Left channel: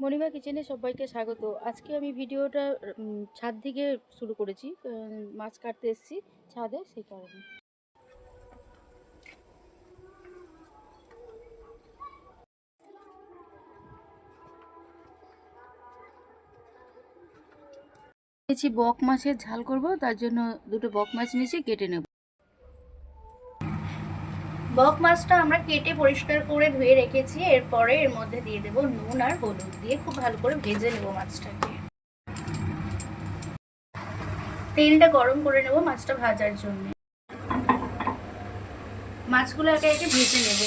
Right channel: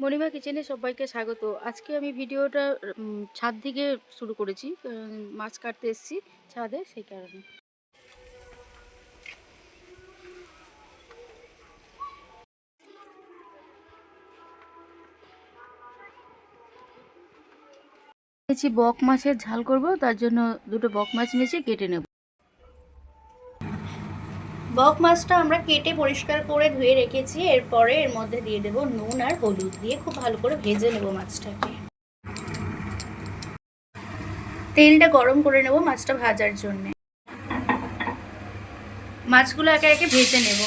মণিমা কিচেনে সবাইকে স্বাগত। আজকে আমি ভিডিওটা ছাদ থেকে শুরু করেছি। মাছ কাটতে এসেছি ছাদে, সেই কারণে। নিয়েছি বক মাছের ঝাল করব, তার জন্য দুটো বক মাছ নিয়েছি, কেটে নেব। বক মাছটা আমরা কেটে পরিষ্কার করে ধুয়ে রেখেছি। এরপরে এর মধ্যে দিয়ে দেব নুন আর হলুদ দিয়ে খুব ভালো করে ভেজে নেব মাছটাকে। তেলটা গরম করে নেব মাছটা ভাজার জন্য। মাছগুলো একে একে ভেজে নেব।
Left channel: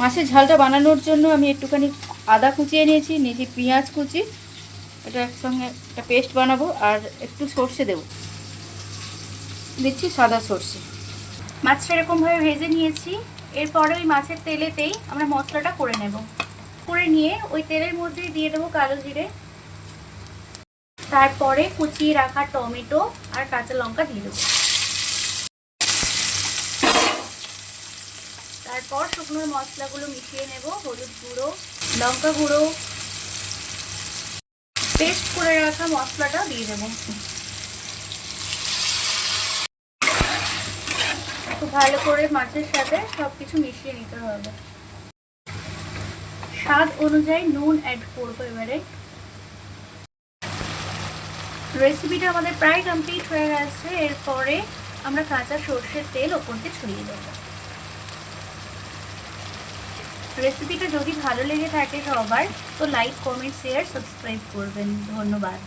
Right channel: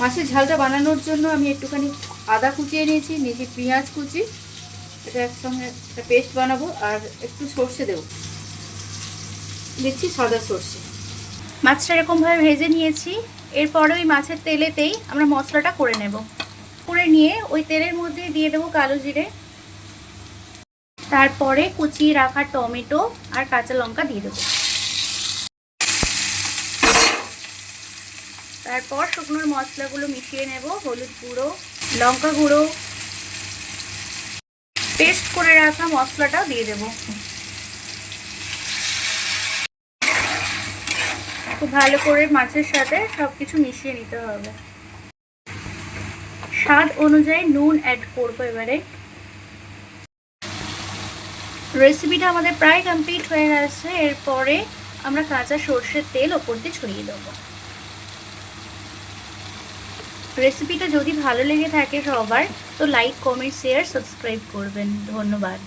মাছের ঝালটা বানানোর জন্য আমি একটুখানি আদা কুচিয়ে নিয়েছি, পেঁয়াজ কুচি, এটা একসঙ্গে একটা পেস্ট বানাবো। আর একটু সর্ষে দেবো, দিচ্ছি সাদা সর্ষে। মাছটা এরকমভাবে ভেজে নিয়েছি। এরপরে ওই মাছের তেলেতেই আমরা মশলাটা করে নেব। করে নিয়ে ওই তেলের মধ্যে দিয়ে দেবো কালো জিরে, তারপরে কুচিয়ে রাখা টমেটো আর কাঁচা লঙ্কা দিয়ে দেবো। তারপর শুকনো মশলাগুলো মিশিয়ে নেব। হলুদ গুঁড়ো, লঙ্কা গুঁড়ো, পেস্ট করে রাখা মশলাটা দিয়ে দেব। খুব ভালো করে মাছের সাথে সবকিছু মিশিয়ে নিতে হবে। স্বাদ অনুযায়ী নুন অ্যাড করবো এবারে। রেসিপিটা আমাদের প্রায় কমপ্লিট হয়ে গেছে। এরপরে আমরা কাঁচা সর্ষের তেল ওপর দিয়ে ছড়িয়ে দেবো। রেসিপিটা যদি ভালো লেগে থাকে সবার, তো লাইক, কমেন্ট, শেয়ার, সাবস্ক্রাইব করবেন। ধন্যবাদ।